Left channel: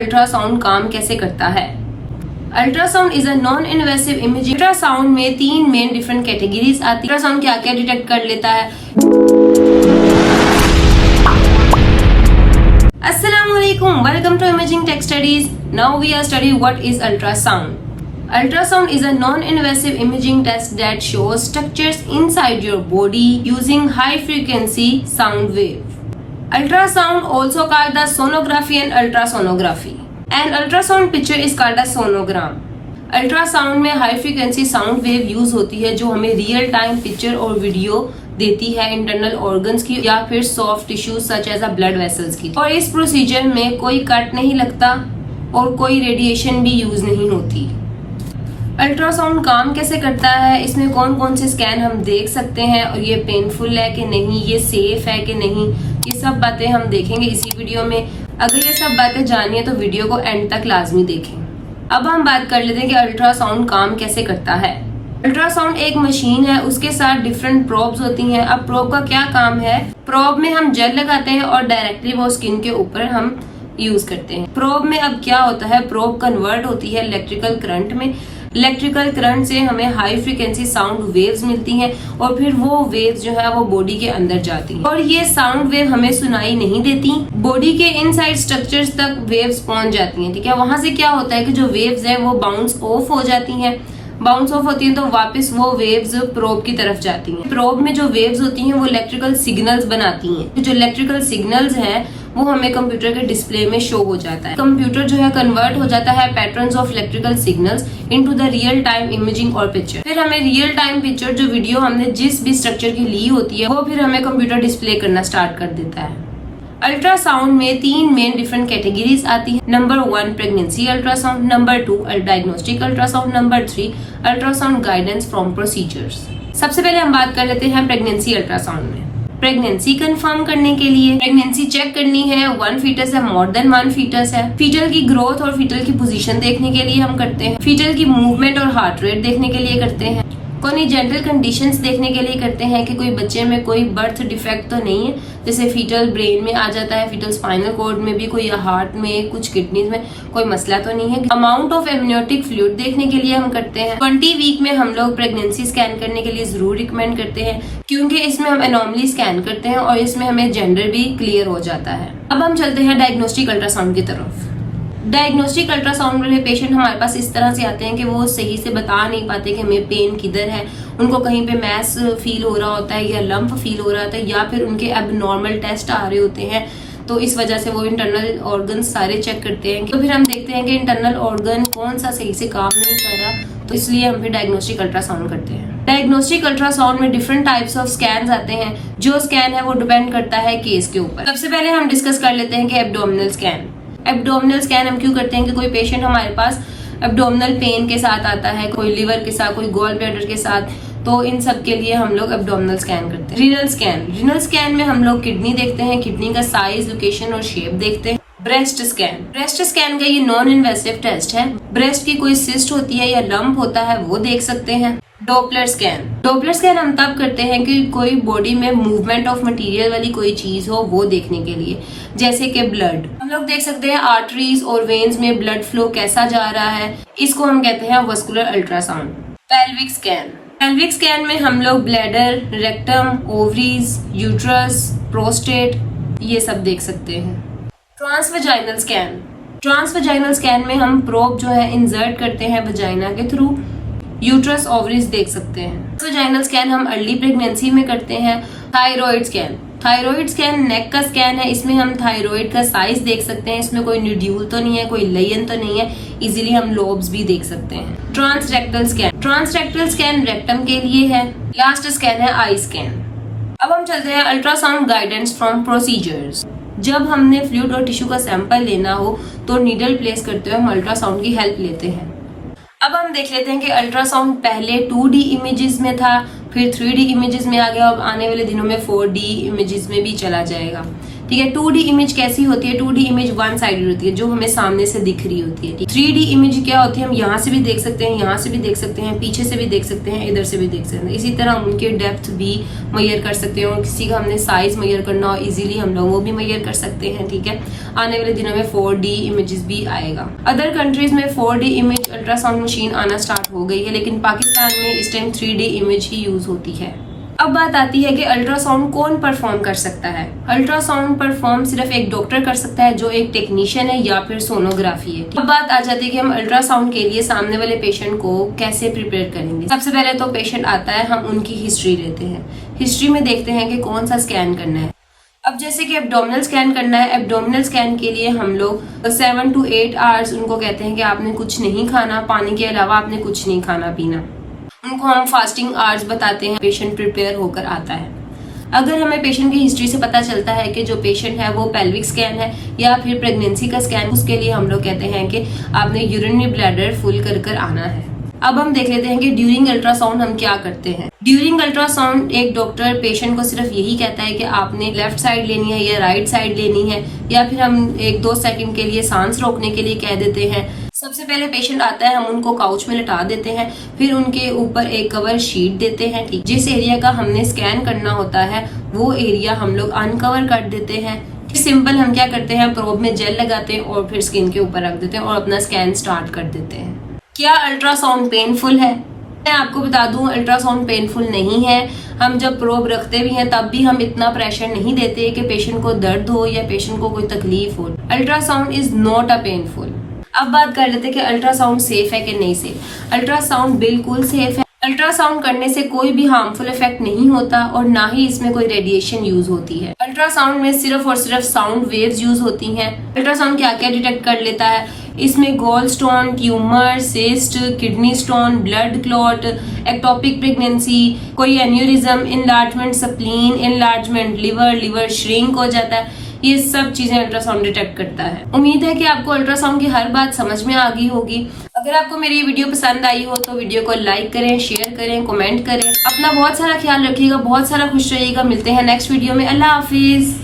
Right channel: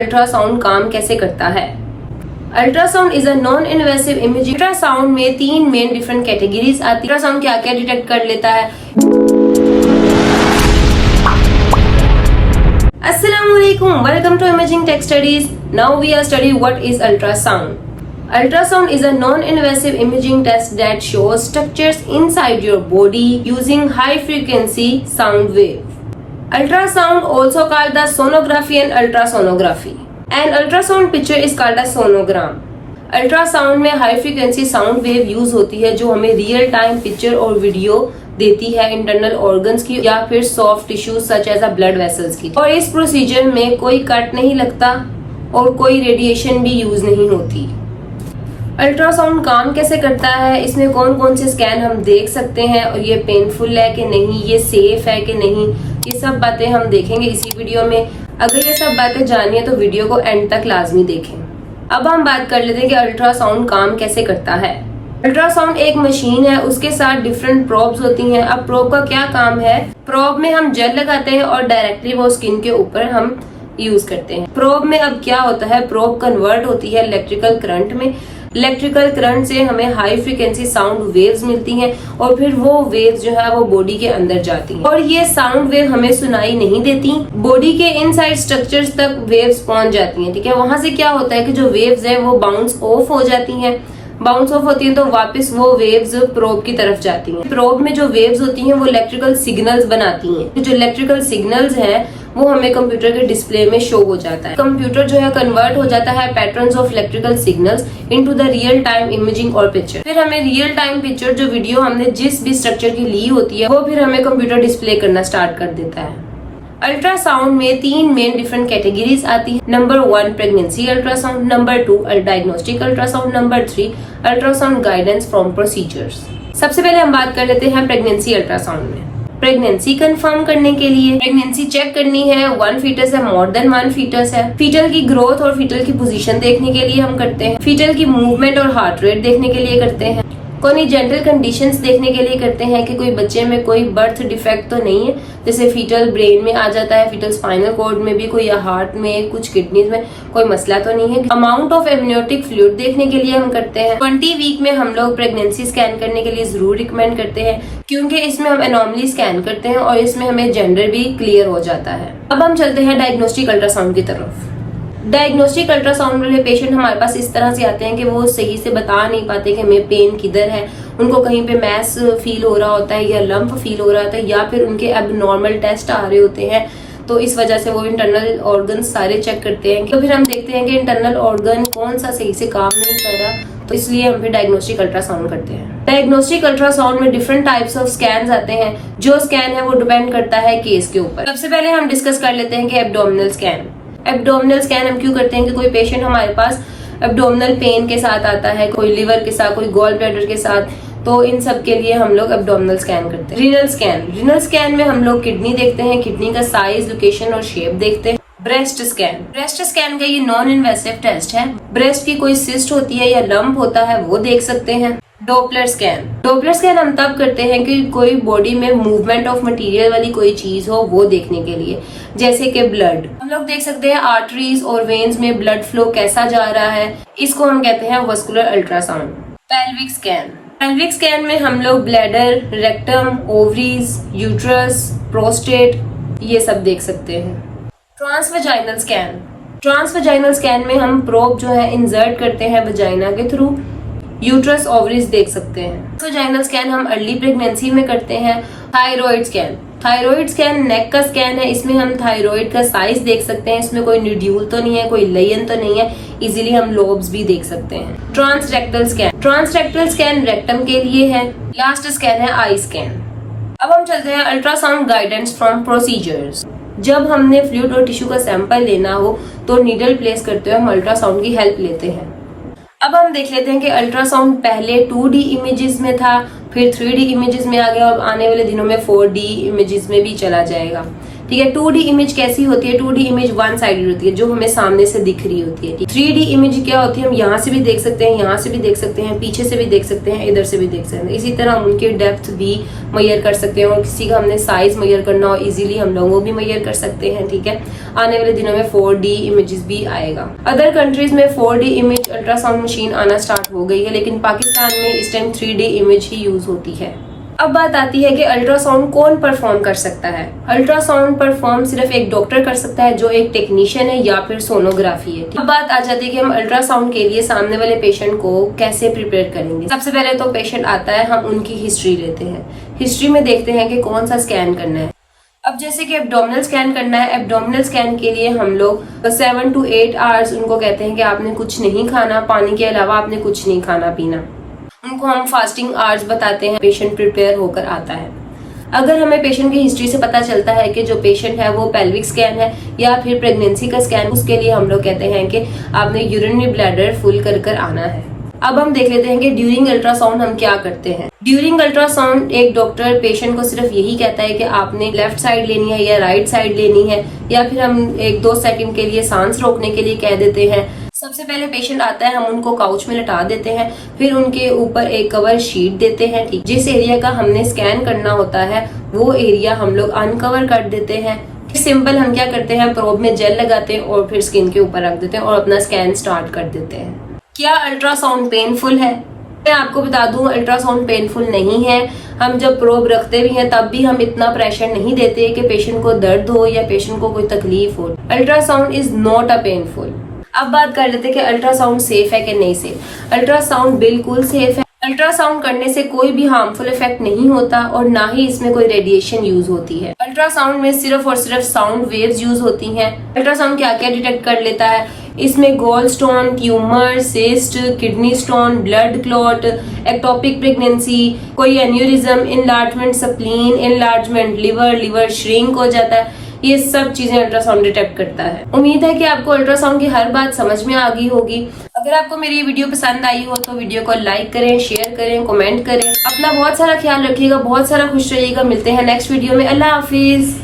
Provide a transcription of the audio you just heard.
Ultrasound काम कैसे करता है। Ultrasound is a non invasive imaging. Ultrasound में 3 मेन डिफरेंट कैटेगरीज आती है। अल्ट्रासाउंड क्या क्या डिटेक्ट कर लेता है। Assalamualaikum, welcome to Imaging Tech Studies. Now we are studying what is ultrasound. Ultrasound is a non-invasive imaging test that shows structures inside your body using high frequency sound wave. Ultrasound also called the sonography and ultrasonography. An ultrasound picture is called a sonogram. Ultrasound में high frequency sound wave use होती है जो हमें real time picture और video देती है internal organs की या फिर soft tissues such as a blood vessels की। और इस प्रोसीजर में कोई कट नहीं लगता और कोई रेडिएशन भी यूज नहीं होती। अल्ट्रासाउंड काम कैसे करता है, इसमें कौन कौन से स्कैन हम देख सकते हैं और ये पेनफुल है कि नहीं, ये सेफ है कि नहीं, ये सब बातें हम देखेंगे इसी वीडियो में। अगर ये सब बातें जाननी है तो वीडियो को एंड तक लाजमी देखें। अब हम बात कर लेते हैं कि अल्ट्रासाउंड काम कैसे करता है। अल्ट्रासाउंड एक मशीन है, उसके साथ डिफरेंट प्रोब्स होती हैं। अब प्रोब का क्या काम है, प्रोब में हम जेल लगाते हैं और डायरेक्टली वो स्किन के ऊपर हम यूज करते हैं। प्रोब में अब क्या होता है, प्रोब कन्वर्ट होती है इलेक्ट्रिकल करंट में। इलेक्ट्रिकल करंट से हमें हाई फ्रीक्वेंसी साउंड वेव्स मिलती हैं और फिर वो वेव्स जो है वो बॉडी के अंदर जाती हैं और ये साउंड वेव हमें सुनाई नहीं देती, बॉडी के इनसाइड स्ट्रक्चर्स तक वेव्स पहुंच जाती हैं। ठीक है, वहां से क्या होता है कि जो वेव्स है वो बाउंस ऑफ हो जाती हैं। बाउंस ऑफ होती है तो वापस वो वेव्स प्रोब की तरफ जाती हैं। प्रोब में जो वेव्स होती हैं वो इलेक्ट्रिकल सिग्नल्स बनाती हैं। जो इलेक्ट्रिकल सिग्नल्स हैं वो हमें कंप्यूटर के डिस्प्ले में शो हो जाता है। कंप्यूटर जो है कन्वर्ट हो जाता है patterns of electrical signals into the real time imaging और पिक्चर। फिर हमें रियल टाइम पिक्चर जो वीडियो हमने जिस भी स्ट्रक्चर की ली होती है वो फिर हमें कंप्यूटर डिस्प्ले करना स्टार्ट कर देता है। अल्ट्रासाउंड में 3 मेन डिफरेंट कैटेगरीज आती है। Number 1 pregnancy ultrasound, number 2 diagnostic ultrasound, number 3 ultrasound guidance from procedures. सबसे पहले हम बात कर लेते हैं प्रेगनेंसी अल्ट्रासाउंड में। प्रेगनेंसी कंफर्म करने के लिए प्रेगनेंसी चेक करनी है, 1 फीटस है, मोर देन 1 फीटस है। फीटल की ग्रोथ और फीटल की पोजीशन देखने के लिए हम करते हैं। फीटल की मूवमेंट और हार्ट रेट देखने के लिए करते हैं। कोनिजेंटल कंडीशंस देखने के लिए करते हैं कि कोई बच्चे में कोई बर्थ डिफेक्ट तो नहीं है, जैसे फीटल ब्रेन में आ जाता है, फीटल स्पाइनल कॉर्ड में भी कोई, या हार्ट में, कुछ किडनीज में कोई मसला तो नहीं है। अमाउंट ऑफ एमनियोटिक फ्लूइड देखने के लिए हम करते हैं। 20 वीक में हम लोग प्रेगनेंसी स्कैन करने के लिए जरूर रिकमेंड करते हैं क्योंकि इसमें हम एनॉमली स्कैन करते हैं और इसमें हमें जेंडर भी क्लियर हो जाता है। अब हम चलते हैं डायग्नोस्टिक अल्ट्रासाउंड की तरफ। डायग्नोस्टिक अल्ट्रासाउंड वाले पेशेंट हमारे पास इस तरह से आते हैं कि वो सही से बता नहीं पाते कि हमें पेन किधर है। उनको कहीं पे मैस फील हो रहा होता है या लंप फील हो रहा होता है या फिर उनके एबनॉर्मल टेस्ट आ रहे होते हैं, तो इस वजह से वो इंटरनल ऑर्गन सारे चेक करते हैं। तो फिर हम देखते हैं कि इंटरनल ऑर्गन कौन सा सही से काम नहीं कर रहा, तो इसलिए हम फिर डायग्नोस्टिक अल्ट्रासाउंड करते हैं। डायग्नोस्टिक अल्ट्रासाउंड में डिफरेंट टाइप्स ऑफ स्कैन आते हैं। जो स्कैन है वो डिपेंड करता है केस के ऊपर। सबसे पहले हम डिस्कस कर लेते हैं कि एब्डोमिनल स्कैन। एब्डोमिनल स्कैन हम क्यों करते हैं कि कोई पेशेंट हमारे पास एब्डोमिनल पेन के साथ आता है, कोई लिवर के साथ, कोई गॉल ब्लैडर के साथ, तो इन सब के लिए हम लोग एब्डोमिनल स्कैन करते हैं। रीनल स्कैन, रीनल स्कैन में हम लोग किडनी देखते हैं, किडनी का साइज, लोकेशन और शेप देखते हैं। ब्रेस्ट स्कैन, ब्रेस्ट स्कैन का ये नॉन इन्वेसिव टेस्ट है। ब्रेस्ट की कोई सिस्ट होती है या लंप होता है वो देख सकते हैं। डॉपलर स्कैन, डॉपलर स्कैन हम तब करते हैं कि कोई बॉडी में मूवमेंट ऑफ मटेरियल वाली कोई चीज हो वो देखने के लिए, जैसे कि ब्लड। हम लोग देख सकते हैं आर्टरीज और वेन्स में ब्लड फ्लो कैसा जा रहा है, इसको हम कहते हैं vascular ultrasound. Pelvic scan, pelvic scan में हम लोग bladder, rectum, ovaries, uterus, prostate ये सब देख सकते हैं। ट्रांसवेजाइनल स्कैन, ट्रांसवेजाइनल स्कैन में हम प्रोब जो है इंसर्ट करते हैं वजाइना के थ्रू, यूट्रस, ओवरीज देख सकते हैं। वजाइनल स्कैन हम अर्ली प्रेगनेंसी में करते हैं। थायराइड स्कैन, थायराइड स्कैन नेक का स्कैन है, इसमें हम थायराइड का साइज देख सकते हैं, इसमें कोई न्यूड्यूल तो नहीं है, कोई लेयन तो नहीं है, इजीली हम लोब्स भी देख सकते हैं। Transrectal scan, transrectal scan rectum के लिए है। लास्ट स्कैन है आई स्कैन। अब हम चलते हैं अल्ट्रासाउंड गाइडेंस फ्रॉम प्रोसीजर्स। जब हमने फ्लूइड और टिश्यू का सैंपल लेना हो तो नीडल प्लेस करते हुए हम अल्ट्रासाउंड की हेल्प लेते हैं। अब हम देख लेते हैं कि अल्ट्रासाउंड पहले 2D इमेजेस में था, फिर 3D इमेजेस में आ गया और आने वाले दिनों में 4D इमेजेस में भी चला जाएगा। ठीक है। 2D इमेज कैसी होती है? 2D इमेज वन साइडेड होती है, जो हमें सामने से दिख रही होती है। 3D इमेज क्या होती है? हम यहाँ से भी देख सकते हैं, यहाँ से भी देख सकते हैं, पीछे से भी देख सकते हैं, इधर से भी देख सकते हैं। इसी तरह हम उनके डेप्थ भी मेजर कर सकते हैं, और किसी का हमने साइज मेजर करना हो इजीली हम लोग वो भी मेजर कर सकते हैं, ठीक है। आने वाले दिनों में 4D इमेजेस भी आएगा। अदर कंट्रीज में 4D इमेज अल्ट्रासाउंड मशीन आना स्टार्ट हो गई है, लेकिन पाकिस्तान में इस टाइम 3D इमेज ही यूज होती है। अब बात आती है कि अल्ट्रासाउंड कौन परफॉर्म कर सकता है। अल्ट्रासाउंड परफॉर्म सिर्फ एक डॉक्टर कर सकता है, जो एक टेक्नीशियन है या फिर सोनोग्राफी है। अब बात आ जाती है कि हम अल्ट्रासाउंड के लिए सामने वाले पेशेंट को कैसे प्रिपेयर करेंगे। सबसे पहले तो पेशेंट आता है, हम उनकी हिस्ट्री लेते हैं। हिस्ट्री में देखते हैं कि कौन सा स्कैन करना है। अब जैसे कि एब्डोमिनल स्कैन करना है, एब्डोमिनल स्कैन के लिए हम लोग 7 to 8 आवर्स उनको कहते हैं कि आपने कुछ नहीं खाना, पानी के अलावा आपने कुछ नहीं खाना पीना। उनको हम फास्टिंग आवर्स बताते हैं। पेशेंट प्रिपेयर होकर आता है। अगर हमें पेशेंट की हिस्ट्री से पता चलता है कि जो पेशेंट है वो पेल्विक स्कैन है या फिर प्रेगनेंसी का स्कैन, उसके लिए हम लोग कहते हैं कि आपने यूरिनरी ब्लैडर फुल कर आना है। अब हम देख लेते हैं कि ड्यूरिंग अल्ट्रासाउंड हम क्या करते हैं। ड्यूरिंग अल्ट्रासाउंड एक डॉक्टर पेशेंट को सिर्फ यही कहता है कि आपने लेफ्ट साइड लेनी है या राइट साइड लेनी है, या फिर हम 1-2 सेकंड के लिए सांस रोकने के लिए कह देते हैं। सबसे पहले पेशेंट आता है, हम उनको काउच में लटा देते हैं, फिर उनके ऊपर एक कवर शीट देते हैं, ठीक। जिस एरिया का हमने स्कैन करना होता है वो एरिया हम लोग अनकवर कर देते हैं। सिंपल हम क्या करते हैं, प्रोब में जेल लगाते हैं और फिर स्किन के ऊपर रख देते हैं और अपना स्कैन स्टार्ट कर देते हैं। क्या अल्ट्रासाउंड पेनफुल है? मैं आपको बता दूं, अल्ट्रासाउंड पेनफुल नहीं है। हम जब प्रोब रखते भी हैं तब भी हम इतना प्रेशर नहीं देते कि पेशेंट को दर्द हो या पेशेंट को कोई तकलीफ हो। Ultrasound is not a painful. अब बात कर लेते हैं कि अल्ट्रासाउंड सेफ है कि नहीं सेफ। अल्ट्रासाउंड बिल्कुल सेफ है। अल्ट्रासाउंड करने से कोई भी हार्मफुल इफेक्ट नहीं होता और ना ही इसमें कोई रेडिएशन यूज होती है। अल्ट्रासाउंड में सिर्फ और सिर्फ साउंड वेव्स यूज होती हैं। अल्ट्रासाउंड क्या क्या डिटेक्ट कर लेता है? इसमें gall stone, tumour, cyst, kidney stone, blood clot, ectopic pregnancy, कोई aneurysm, enlargement spleen, enlargement liver shrink हो जाता है। ये सब चीजें अल्ट्रासाउंड डिटेक्ट करता है। उम्मीद है कि आपको अल्ट्रासाउंड की हर बात समझ में आ गई होगी। अगर आपको मेरी ये वीडियो पसंद आई हो तो वीडियो को लाइक करें, शेयर करें, कमेंट करें। अपना बहुत सारा ख्याल रखिएगा, बहुत सारा खुश रहिएगा। मिलते हैं नेक्स्ट वीडियो में। अल्लाह हाफिज।